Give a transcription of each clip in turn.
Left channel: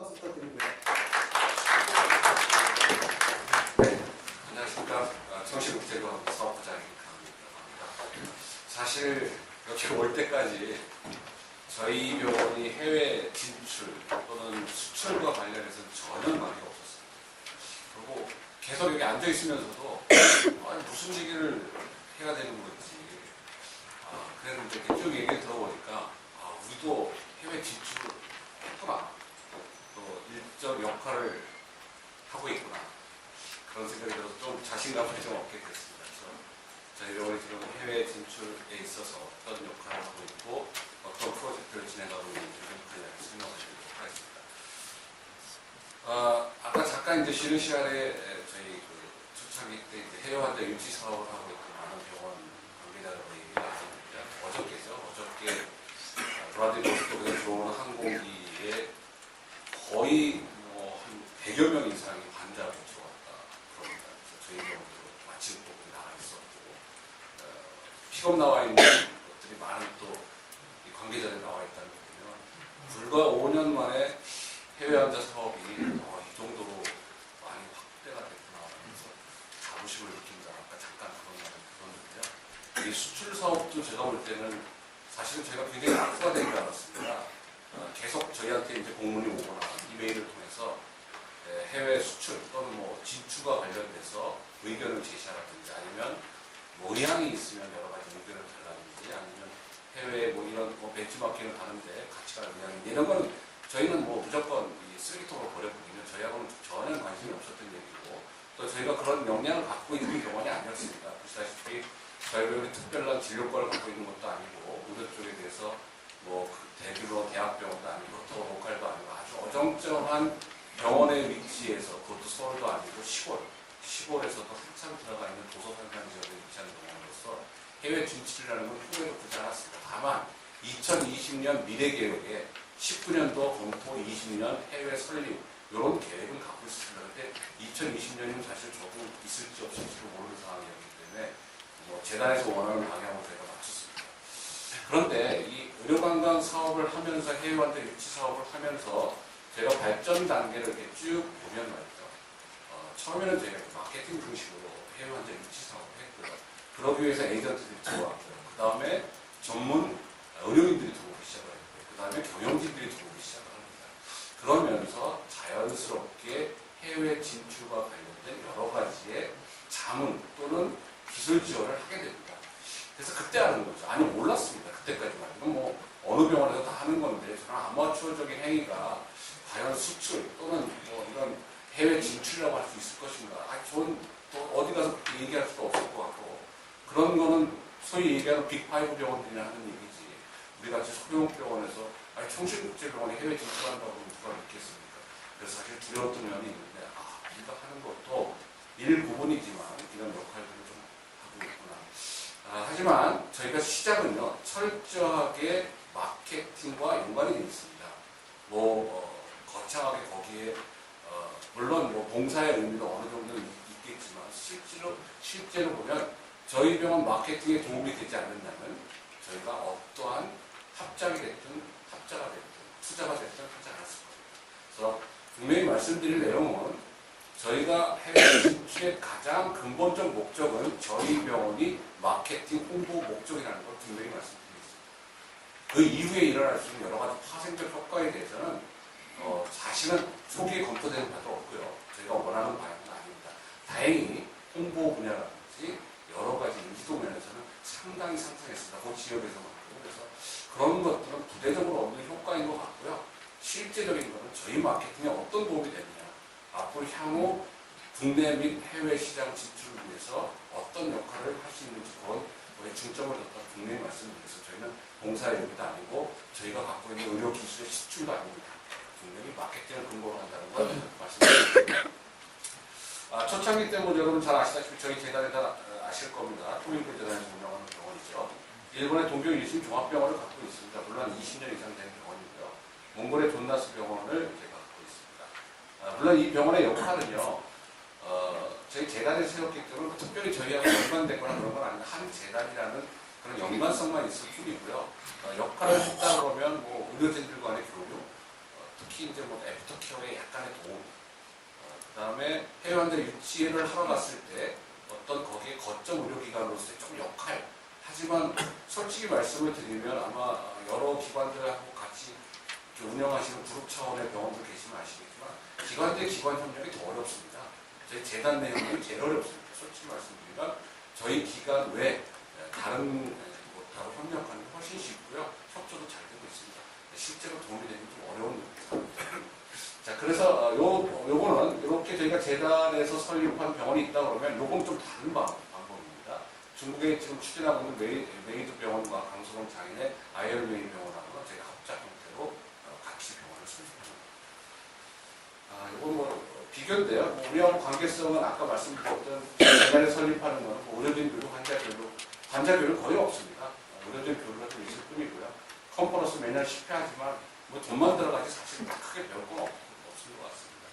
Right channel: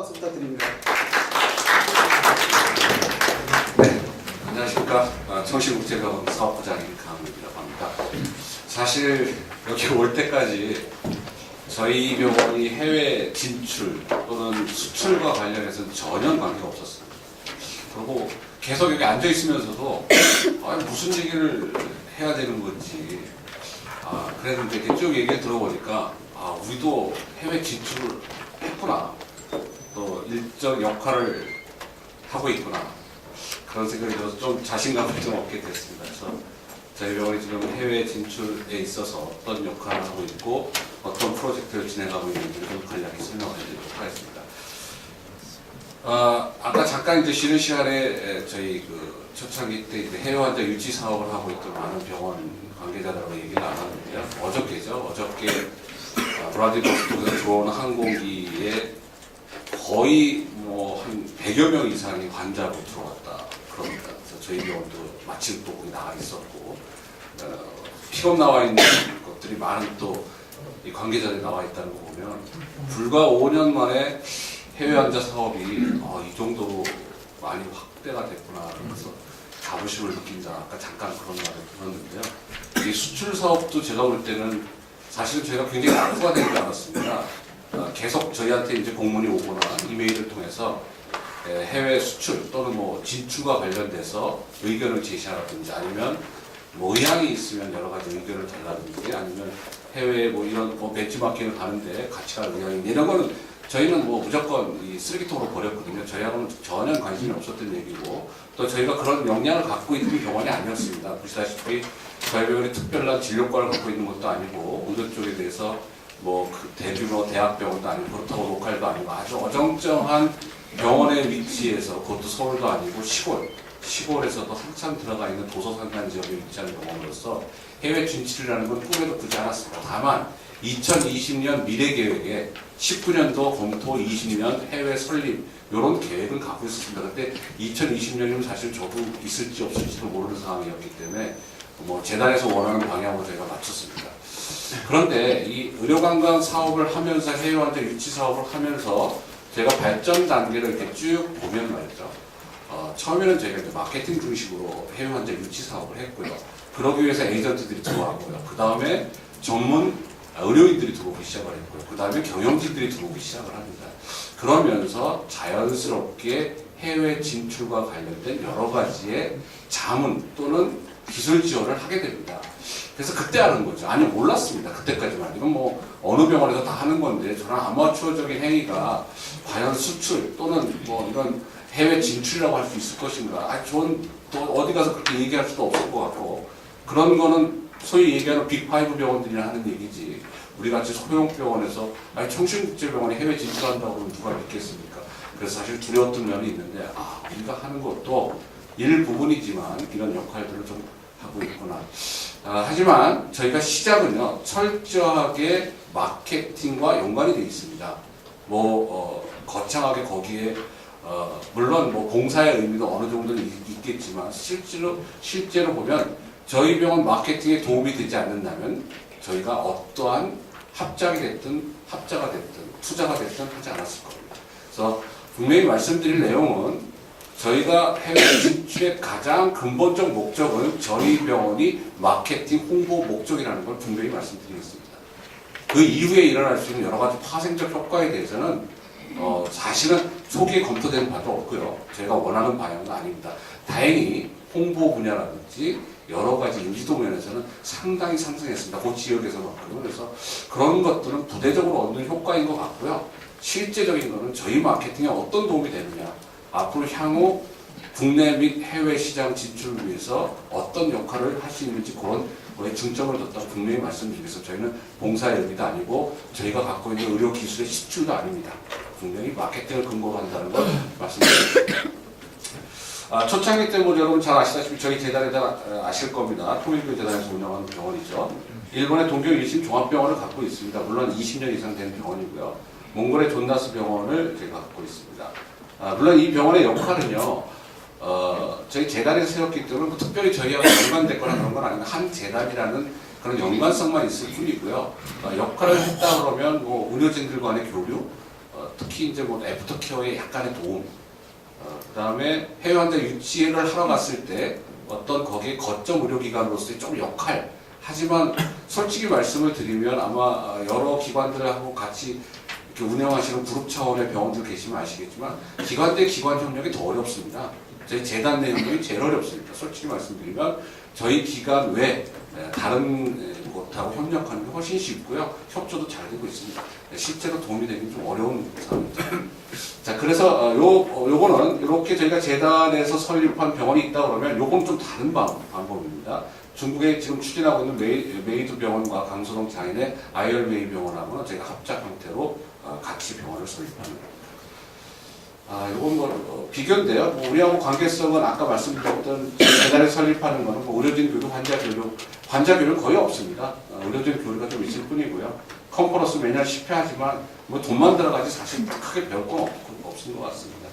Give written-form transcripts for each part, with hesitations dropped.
박수 부탁드립니다. 네, 안녕하십니까. 청실국제병원 사업부장인 강민이라고 합니다. 사실 여기 올 때까지 저희 병원이 해외 진출 또는 수출과 관련해서는 전혀 관계가 없었습니다. 그리고 계속 여기 앉아 있으면서도 무슨 얘기를 해야 되는 건지 그랬는데 이렇게 쭉 얘기를 들어보니까 우리도 해외 진출을 했구나, 또 일정 역할을 하고 있구나, 그런 생각이 들어서 좀 자신감을 좀 얻게 됐습니다. 그래서 저희 병원이 지금 해외 진출에 있어서 어떤 역할을 하고 있고 어떤 프로젝트를 진행하고 있는지를 좀 간략히 설명을 해드리도록 하겠습니다. 아까 잠깐 이제 쉬는 시간에 저희 초창기 때 이제 해외 환자 유치 사업을 하고 있던 많은 병원 관계자들하고 얘기를 나눴는데요. 어저께 브라질버스톡에서 들어오는 항공기에 거의 한 100여 명 이상이 환자로 들어왔다 그럽니다. 그래서 저희 병원도 마침 또 거기 나와 있었고 픽업 나와 있는 것들이 많은 또 이 관계자들이 나와 있다는 거 보면 불과 5년 만에 해외 환자 사업이 이 정도로 많이 확대가 됐구나, 그래서 자부심을 느낀다. 아까 잠깐 그런 말을 들었는데요. 이 수출 사업도 제가 볼 때는 사실은 저희가 굉장히 낙후가 된 줄 알았습니다. 계속 저희한테 이제 공문이 오거나 이메일을 통해서 해외 수출 또는 진출과 관련돼서 의견을 제시하라든지 아니면 의향이 있으면 여러 가지 의견을 달라든지 아니면 해외에 이런 벤치마킹을 가는데 같이 갈 의향이 이런 거는 저희는 무조건 이 쓰레기통으로 버렸거든요. 저희하고는 전혀 관심이 없었던 얘기고 또 저희가 그런 역량을 갖고 있는 병원이 아니었습니다. 보시다시피 저희 병원이 특별한 진료과를 갖고 있는 것도 아니고 의료 쪽에 대해서 대규모 대학병원도 아니고 그렇다고 로컬도 아니고 아주 어정쩡한 병원의 위치에서, 그것도 서울도 아니고 시골에서도 한참 들어가 있는 도서산간 지역에 위치한 병원으로서 해외 진출이라는 건 꿈에도 꾸지 않았습니다. 다만 2020년 미래계획에 19년도 검토 20년 해외 설립 이런 계획을 갖고 있었습니다. 그때 2020년이면 사실 저도 있을지 없을지도 모르는 상황이었기 때문에 재단에서 원하는 방향으로 저희가 맞췄습니다. 그런데 이 의료관광 사업을 하면서 해외 환자 유치 사업을 하면서 제가 발전 단계를 이렇게 쭉 보면 말이죠. 처음에는 저희가 이제 마케팅 중심으로 해외 환자 유치 사업을 했고요. 그러기 위해서 에이전트들이 들어왔고요. 그 다음에 전문 의료인들이 들어오기 시작을 했고요. 그 다음에 경영진들이 들어오기 시작을 합니다. 그러면서 자연스럽게 해외 진출과 관련된 여러 가지의 자문 또는 기술 지원을 하게 됩니다. 그래서 그때 하는 거죠. 아니, 몰랐습니다. 그때까지만. 이건 어느 병원에서 다 하는 건데 저는 아마추어적인 행위가 과연 수출 또는 이런 해외 진출이라고 할 수 있을 것인가. 저는 또 어디 가서 그렇게 얘기할 수도 없을 것 같고, 그런 거는 소위 얘기하는 빅5 병원들이나 하는 얘기지. 우리 같이 소형 병원에서 청실국제병원에 해외 진출한다고 하면 누가 믿겠습니까? 그래서 사실 두려웠던 면이 있는데 우리가 하는 것도 일부분이지만 이런 역할들을 좀 하고 있구나. 하지만 저희가 시작은요 철저하게 마케팅과 연관이 되어 있습니다. 거창하게 거기에 물론 봉사의 의미도 어느 정도 있겠지만 실제로 보면 저희 병원 마케팅에 도움이 되지 않는다면 저희가 어떠한 합작이 됐든 합자가 됐든 투자가 됐든 하지 않았을 겁니다. 그래서 분명히 말씀드릴 내용은 저희가 해외 진출의 가장 근본적 목적은 저희 병원이 마케팅 홍보 목적이라는 걸 분명히 말씀드리겠습니다. 그 이후에 일어날 수 있는 여러 가지 파생적 효과에 대해서는 사실은 초기에 검토되는 바도 없고요. 저희가 원하는 방향도 아닙니다. 다행히 홍보 분야라든지 여러 가지 인지도 면에서는 상당히 상승했습니다. 그 지역에서만큼. 그래서 그런 것들은 부대적으로 얻는 효과인 것 같고요. 실제적인 것은 저희 마케팅에 어떤 도움이 되느냐, 앞으로 향후 국내 및 해외 시장 진출을 위해서 어떤 역할을 할 수 있는지 그런 거에 중점을 뒀다고 분명히 말씀드리겠습니다. 저희는 봉사의 의미도 아니고 저희가 갖고 있는 의료 기술의 시출도 아닙니다. 분명히 마케팅을 근거로 한다는 걸 말씀드립니다. 초창기 때 여러분 잘 아시다시피 저희 재단에 아실 겁니다. 통일교 재단에서 운영하는 병원이죠. 일본의 동경 1심 종합병원을 갖고 있습니다. 물론 20년 이상 된 병원이고요. 몽골의 존나스 병원을 제가 갖고 있습니다. 물론 이 병원의 역할은요, 저희 재단에서 세웠기 때문에 특별히 저희하고 연관됐거나 그런 건 아닌데 한 재단이라는 그런 연관성만 있을 뿐이고요. 역할을 했다 그러면 의료진들 간의 교류, 특히 이제 뭐 애프터케어에 약간의 도움, 그다음에 해외 환자 유치를 하러 갔을 때 어떤 거기에 거점 의료기관으로서의 좀 역할. 하지만 솔직히 말씀을 드리면 아마 여러 기관들하고 같이 이렇게 운영하시는 그룹 차원의 병원들 계시면 아시겠지만 기관 대 기관 협력이 더 어렵습니다. 저희 재단 내 협력이 제일 어렵습니다. 솔직히 말씀드리면 저희 기관 외 다른 곳하고 협력하는 게 훨씬 쉽고요. 협조도 잘 되고 있습니다. 실제로 도움이 되기 좀 어려운 상황입니다. 자, 그래서 요거는 이렇게 저희가 재단에서 설립한 병원이 있다 그러면 요건 좀 다른 방법입니다. 중국에 지금 추진하고 있는 메이드 병원과 강서동 장인의 아이얼메이 병원하고는 저희가 합작 형태로 같이 병원을 설립하는 겁니다. 이건 뭐 비교인데요. 뭐 우리하고 관계성은 아까 말씀드렸던 재단에 설립하는 거는 뭐 의료진 교류, 환자 교류 거의 없습니다. 의료진 교류가 좀 있을 뿐이고요. 컨퍼런스 매년 10회 하지만 뭐 돈만 들어가지 사실 크게 배울 건 없는 것 같습니다.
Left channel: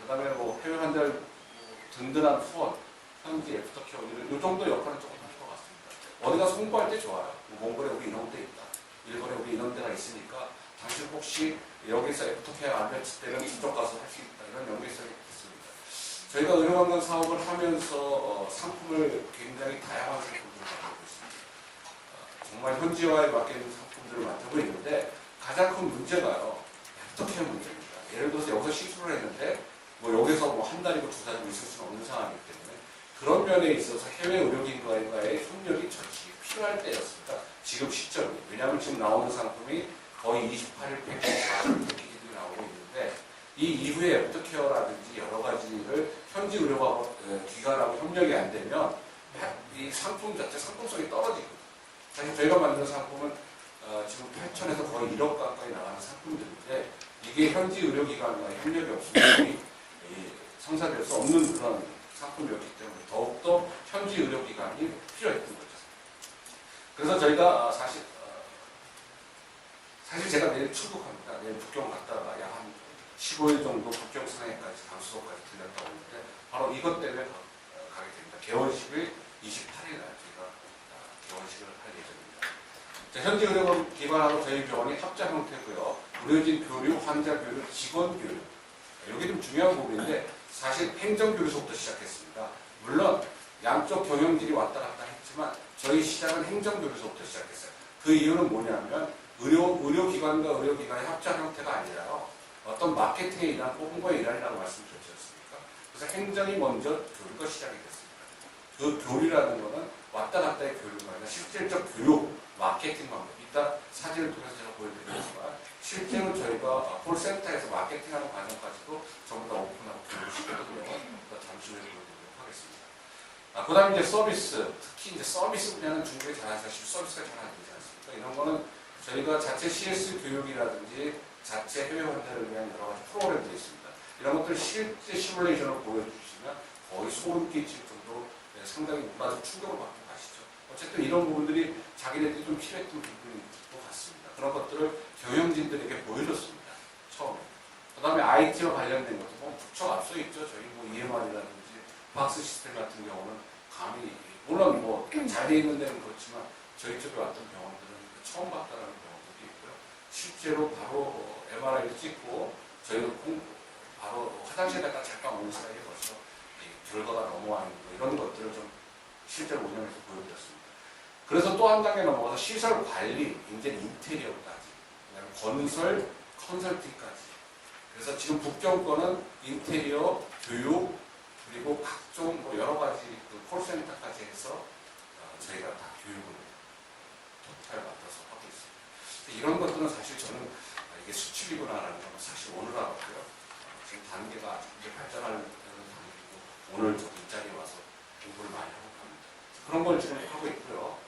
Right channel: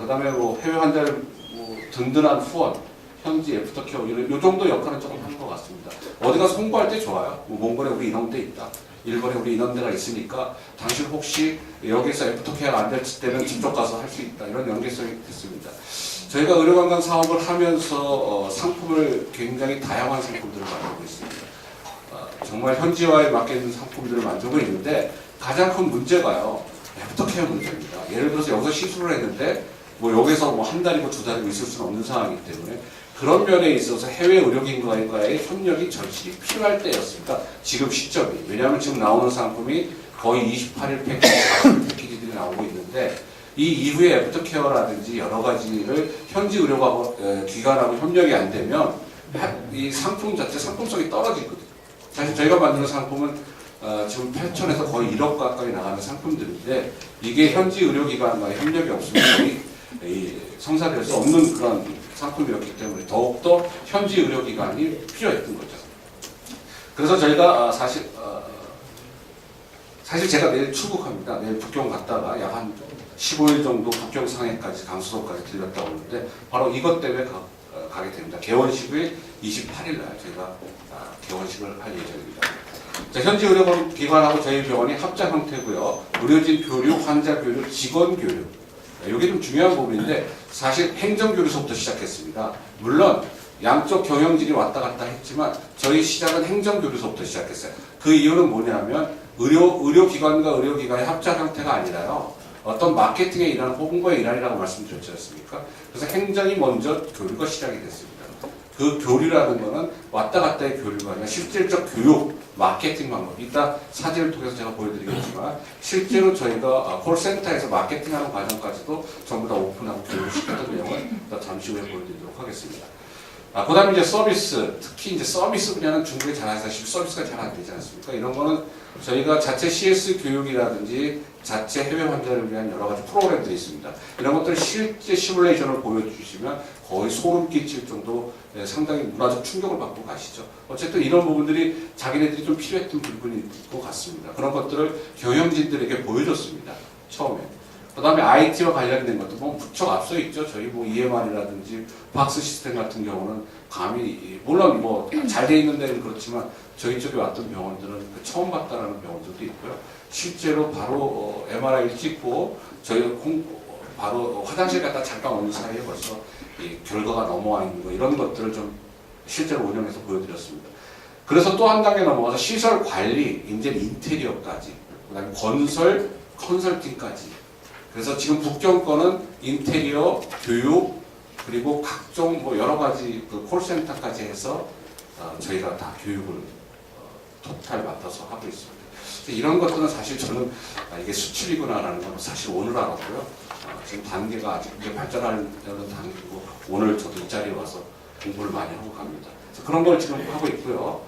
그다음에 뭐 해외 환자를 뭐 든든한 후원, 현지 애프터케어 이 정도 역할은 조금 하는 것 같습니다. 어디 가서 홍보할 때 좋아요. 뭐 몽골에 우리 이런 데 있다. 일본에 우리 이런 데가 있으니까 당신 혹시 여기서 애프터케어가 안 될 때는 저쪽 가서 할 수 있다. 이런 연계성이 있습니다. 저희가 의료관광 사업을 하면서 상품을 굉장히 다양한 상품들을 만들고 있습니다. 정말 현지화에 맞게 상품들을 만들고 있는데 가장 큰 문제가요. 애프터케어 문제입니다. 예를 들어서 여기서 시술을 했는데 뭐 여기서 뭐 한 달이고 두 달이고 있을 수는 없는 상황이기 때문에 그런 면에 있어서 해외 의료기관과의 협력이 절실히 필요할 때였습니다. 지금 시점이. 왜냐하면 지금 나오는 상품이 거의 28일 패키지, 40일 패키지들이 나오고 있는데 이 이후에 애프터케어라든지 여러 가지를 현지 의료기관하고 협력이 안 되면 이 상품 자체 상품성이 떨어지거든요. 사실 저희가 만드는 상품은 지금 8천에서 거의 1억 가까이 나가는 상품들인데 이게 현지 의료기관과의 협력이 없으면 거의 성사될 수 없는 그런 상품이었기 때문에 더욱더 현지 의료기관이 필요했던 거죠. 그래서 저희가 사실 제가 내일 출국합니다. 내일 북경 갔다가 약 한 15일 정도 북경 상해까지 강수도까지 들렸다 오는데 바로 이것 때문에 가게 됩니다. 개원식 후에 28일 날 제가 개원식을 할 예정입니다. 자, 현지 의료기관하고 저희 병원이 합작 형태고요. 의료진 교류, 환자 교류, 직원 교류. 이게 좀 중요한 부분인데 사실 행정교류서부터 시작했습니다. 물론 양쪽 경영진이 왔다 갔다 했지만 저희 시작은 행정교류서부터 시작했어요. 그 이유는 뭐냐면 의료기관과 의료기관의 합작 형태가 아니라요. 어떤 마케팅에 일하는 홍보에 일하리라고 말씀드렸지 않습니까? 그래서 행정이 먼저 교류가 시작이 됐습니다. 그 교류라는 거는 왔다 갔다의 교류가 아니라 실질적 교육, 마케팅 방법. 이따 사진을 통해서 제가 보여드리겠지만 실제로 저희가 콜센터에서 마케팅하는 과정까지도 전부 다 오픈하고 교육을 시켰던 내용을 잠시 후에 보여드리도록 하겠습니다. 그 다음에 이제 서비스, 특히 이제 서비스 분야는 중국에 잘 아시다시피 서비스가 잘 안 되지 않습니까? 이런 거는 저희가 자체 CS 교육이라든지 자체 해외 환자를 위한 여러 가지 프로그램들이 있습니다. 이런 것들 실제 시뮬레이션을 보여주시면 거의 소름 끼칠 정도 상당히 문화적 충격을 받고 가시죠. 어쨌든 이런 부분들이 자기네들이 좀 필요했던 부분인 것 같습니다. 그런 것들을 경영진들에게 보여줬습니다. 처음에. 그 다음에 IT와 관련된 것도 뭐 무척 앞서 있죠. 저희 뭐 EMR이라든지 박스 시스템 같은 경우는 감히 물론 뭐 잘 돼 있는 데는 그렇지만 저희 쪽에 왔던 병원들은 처음 봤다라는 병원들도 있고요. 실제로 바로 MRI를 찍고 저희 바로 화장실 갔다 잠깐 오는 사이에 벌써 이 결과가 넘어와 있는 거 이런 것들을 좀 실제로 운영해서 보여드렸습니다. 그래서 또 한 단계 넘어가서 시설 관리, 이제 인테리어까지, 그다음에 건설, 컨설팅까지. 그래서 지금 북경 거는 인테리어, 교육, 그리고 각종 뭐 여러 가지 그 콜센터까지 해서 저희가 다 교육을 토탈 맡아서 하고 있습니다. 이런 것들은 사실 저는 이게 수출이구나라는 건 사실 오늘 알았고요. 지금 단계가 아직 이제 발전하는 단계고 오늘 저도 이 자리에 와서 공부를 많이 하고 갑니다. 그런 걸 지금 하고 있고요.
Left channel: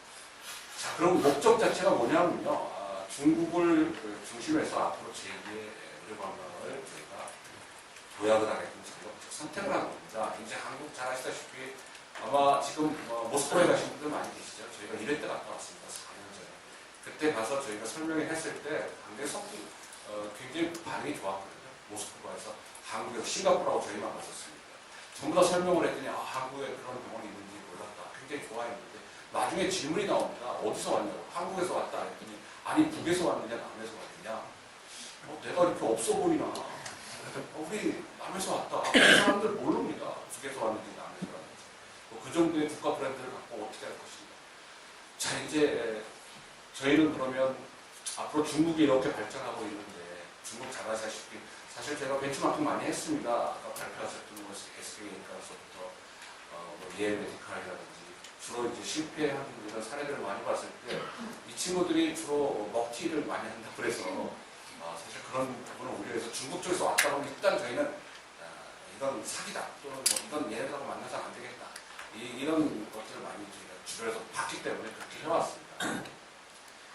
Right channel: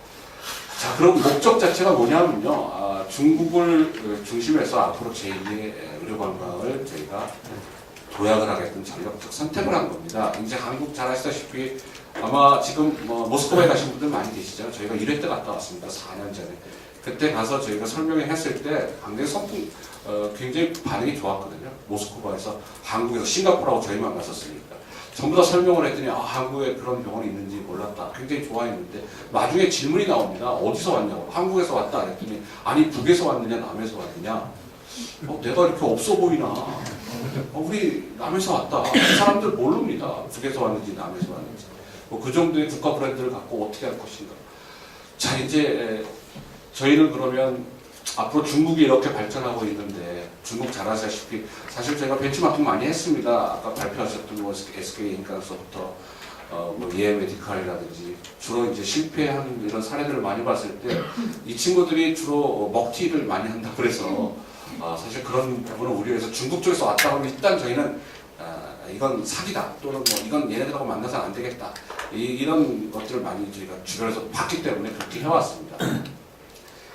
자, 그럼 목적 자체가 뭐냐면요. 중국을 중심해서 앞으로 제2의 의료관광을 저희가 도약을 하겠다는 전략적 선택을 한 겁니다. 이제 한국 잘 아시다시피 아마 지금 모스크바에 가신 분들 많이 계시죠. 저희가 1회 때 갔다 왔습니다. 4년 전에. 그때 가서 저희가 설명을 했을 때 굉장히 반응이 좋았거든요. 모스크바에서 한국에서 싱가포르하고 저희만 갔었으니까. 전부 다 설명을 했더니 한국에 그런 병원이 있는지 몰랐다. 굉장히 좋아했는데 나중에 질문이 나옵니다. 어디서 왔냐고. 한국에서 왔다 그랬더니 아니 북에서 왔느냐 남에서 왔느냐. 내가 이렇게 없어 보이나? 우리 남에서 왔다. 그 사람들 모릅니다. 북에서 왔는지 남에서 왔는지. 그 정도의 국가 브랜드를 갖고 어떻게 할 것인가. 자, 이제 저희는 그러면 앞으로 중국이 이렇게 발전하고 있는데 중국 잘 아시다시피 사실 저희가 벤치마킹 많이 했습니다. 아까 발표하셨던 뭐 SK인간서부터 뭐 EM메디칼이라든지 주로 이제 실패한 이런 사례들을 많이 봤을 때 이 친구들이 주로 먹튀를 많이 한다고 그래서 사실 그런 부분을 우려해서 중국 쪽에서 왔다 그러면 일단 저희는 이건 사기다 또는 뭐 이건 얘네들하고 만나서는 안 되겠다 이런 것들을 많이 저희가 주변에서 봤기 때문에 그렇게 해왔습니다.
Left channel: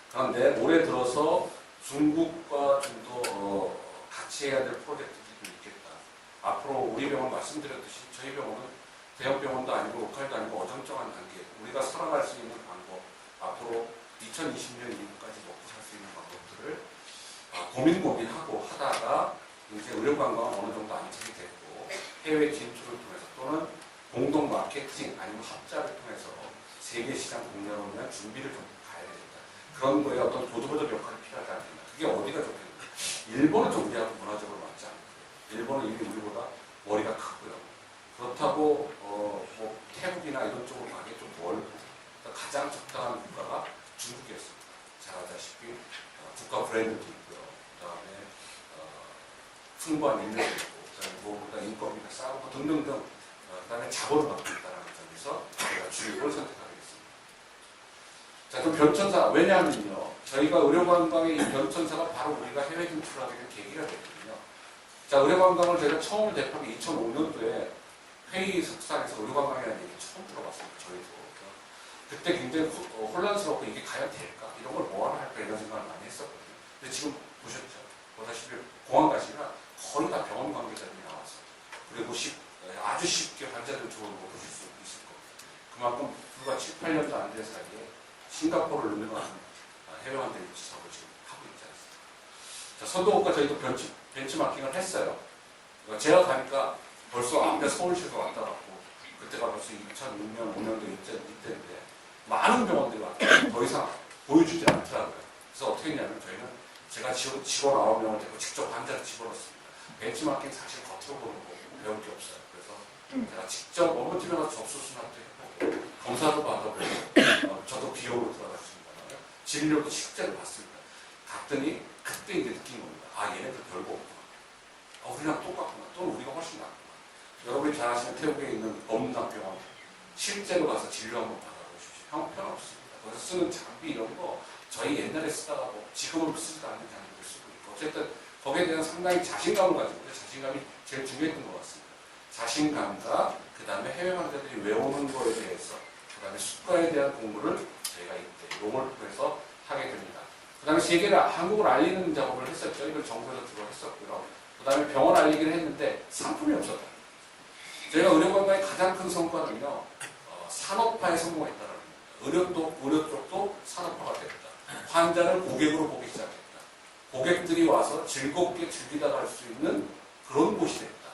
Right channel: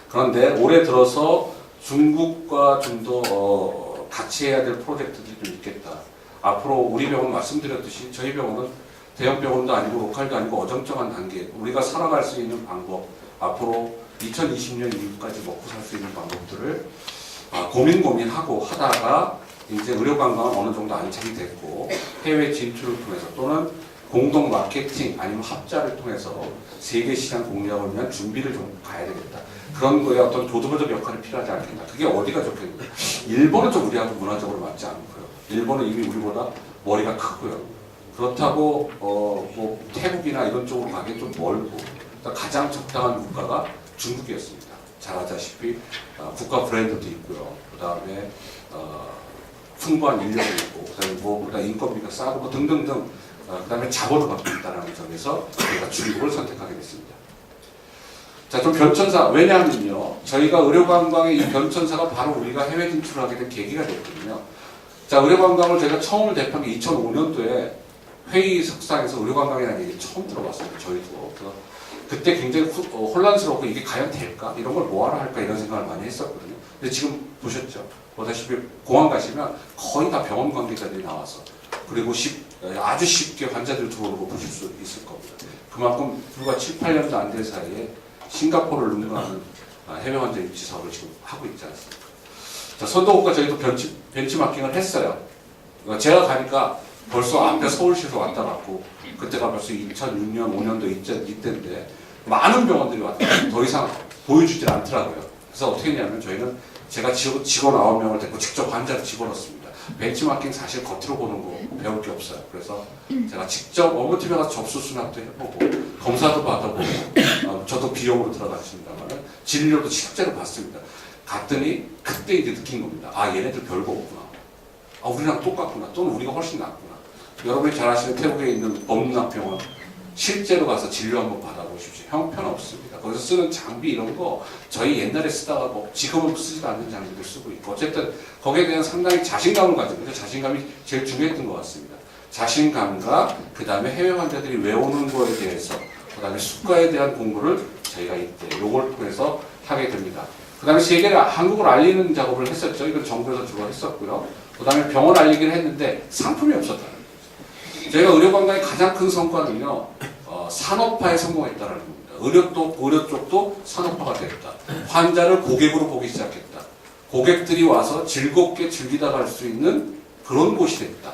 그런데 올해 들어서 중국과 좀 더 같이 해야 될 프로젝트들이 좀 있겠다. 앞으로 우리 병원 말씀드렸듯이 저희 병원은 대형 병원도 아니고 로컬도 아니고 어정쩡한 단계 우리가 살아갈 수 있는 방법 앞으로 2020년 이후까지 먹고 살 수 있는 방법들을 고민하고 하다가 이제 의료관광은 어느 정도 안착이 됐고 해외 진출을 통해서 또는 공동 마케팅 아니면 합자를 통해서 세계 시장 공략을 위한 준비를 좀 가야 되겠다. 그런 거에 어떤 보조적 역할이 필요하지 않겠나. 그게 어디가 좋겠는데 일본은 좀 우리하고 문화적으로 맞지 않고요. 일본은 이미 우리보다 머리가 크고요. 그렇다고 뭐 태국이나 이런 쪽으로 가기 좀 멀고 가장 적당한 국가가 중국이었습니다. 잘 아다시피 국가 브랜드도 있고요. 그 다음에 풍부한 인력이 있고 그다음에 무엇보다 인건비가 싸고 뭐 등등등 그 다음에 자본을 갖고 있다는 점에서 저희가 중국을 선택하게 됐습니다. 자, 좀 변천사 왜냐하면요 저희가 의료관광의 이 변천사가 바로 우리가 해외 진출을 하게 된 계기가 됐거든요. 자, 의료관광을 제가 처음을 대표한 게 2005년도에 회의석상에서 의료관광이라는 얘기 처음 들어봤습니다. 저희도. 그래서 그때 굉장히 혼란스럽고 이게 과연 될까? 이런 걸 뭐하러 할까? 이런 생각을 많이 했었거든요. 근데 지금 보셨죠? 보다시피 공항 가시면 거의 다 병원 관계자들이 나와서 그리고 아주 쉽게 환자들 들어오고 보실 수 있을 겁니다. 그만큼 불과 7, 8년도 안 될 사이에 싱가포르를 능가하는 해외 환자 유치 사업을 지금 하고 있지 않습니까? 자, 선도국과 저희도 벤치마킹을 했어요. 제가 가니까 벌써 앞에 서울시에서 왔다 갔고 그때가 벌써 2006년, 5년도 이때인데 많은 병원들이 왔다 더 이상 보여주질 않더라고요. 그래서 어떻게 했냐면 저희는 제가 직원 9명을 데리고 직접 환자를 집어넣습니다. 벤치마킹 사실 겉으로 보는 거 배울 게 없어요. 그래서 제가 직접 업무팀에 가서 접수 수납도 해보고 검사도 받아보고 저도 비용으로 들어갔습니다만 진료도 실제로 봤습니다. 갔더니 그때 이제 느낀 겁니다. 얘네들 별거 없구나. 우리랑 똑같구나. 또는 우리가 훨씬 낫구나. 여러분이 잘 아시는 태국에 있는 법문학병원 실제로 가서 진료 한번 받아보십시오. 형편없습니다. 거기서 쓰는 장비 이런 거 저희 옛날에 쓰다가 뭐 지금은 쓰지도 않는 장비들 쓰고 있고 어쨌든 거기에 대한 상당히 자신감을 가지고 있어요. 자신감이 제일 중요했던 것 같습니다. 자신감과 그 다음에 해외 환자들이 외우는 거에 대해서 그 다음에 수가에 대한 공부를 저희가 이때 요걸 통해서 하게 됩니다. 그 다음에 세계를 한국을 알리는 작업을 했었죠. 이건 정부에서 주로 했었고요. 그 다음에 병원 알리기를 했는데 상품이 없었다는 거죠. 저희가 의료관광의 가장 큰 성과는요. 산업화에 성공했다는 겁니다. 의료 쪽도 산업화가 됐다. 환자를 고객으로 보기 시작했다. 고객들이 와서 즐겁게 즐기다 갈 수 있는 그런 곳이 됐다.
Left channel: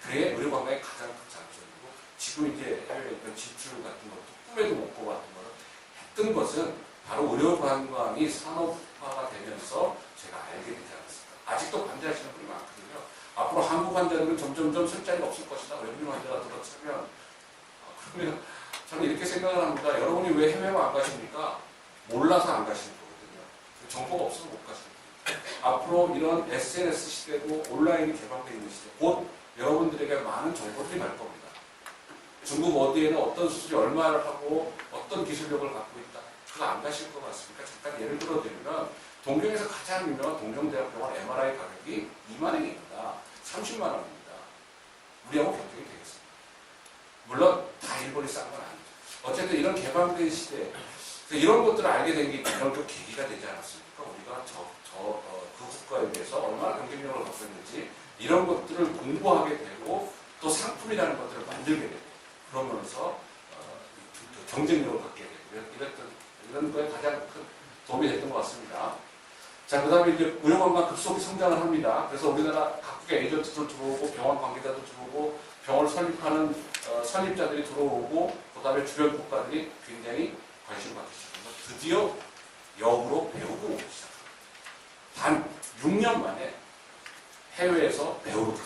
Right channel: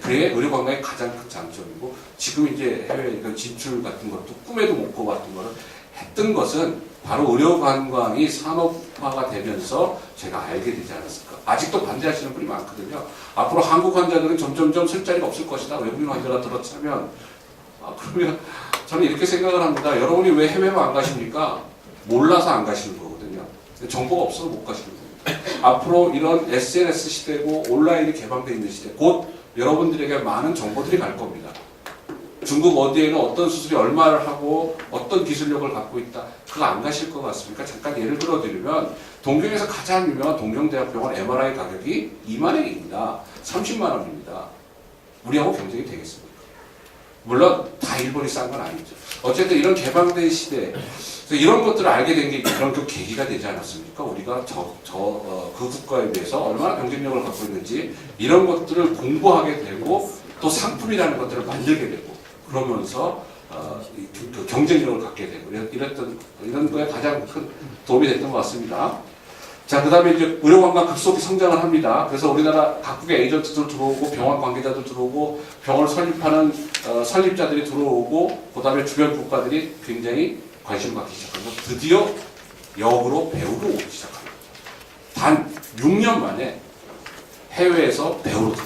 그게 의료관광의 가장 큰 장점이고 지금 이제 해외 진출 같은 것도 꿈에도 못 꿔봤던 거를 했던 것은 바로 의료관광이 산업화가 되면서 제가 알게 되지 않았을까. 아직도 반대하시는 분이 많거든요. 앞으로 한국 환자들은 점점점 쓸 자리가 없을 것이다. 외국인 환자가 들어차면 그러면 저는 이렇게 생각을 합니다. 여러분이 왜 해외만 안 가십니까? 몰라서 안 가시는 거거든요. 정보가 없어서 못 가시는 겁니다. 앞으로 이런 SNS 시대고 온라인이 개방되어 있는 시대 곧 여러분들에게 많은 정보들이 갈 겁니다. 중국 어디에는 어떤 수술이 얼마를 하고 어떤 기술력을 갖고 있다. 그거 안 가실 것 같습니까? 잠깐 예를 들어드리면 동경에서 가장 유명한 동경대학병원 MRI 가격이 2만 원입니다. 30만 원입니다. 우리하고 경쟁이 되겠습니까? 물론 다 일본이 싼 건 아니죠. 어쨌든 이런 개방된 시대에 이런 것들을 알게 된 게 그런 그 계기가 되지 않았습니까? 우리가 그 국가에 비해서 얼마나 경쟁력을 갖고 있는지 이런 것들을 공부하게 되고 또 상품이라는 것들을 만들게 되고 그러면서 그 경쟁력을 갖게 되고 이런 거에 가장 큰 도움이 됐던 것 같습니다. 자, 그 다음에 이제 의료관광 급속히 성장을 합니다. 그래서 우리나라 각국의 에이전트들 들어오고 병원 관계자들 들어오고 병원을 설립하는 설립자들이 들어오고 그 다음에 주변 국가들이 굉장히 관심을 갖기 시작합니다. 드디어 역으로 배우러 오기 시작합니다. 단 6년 만에 해외에서 배우러 들어옵니다.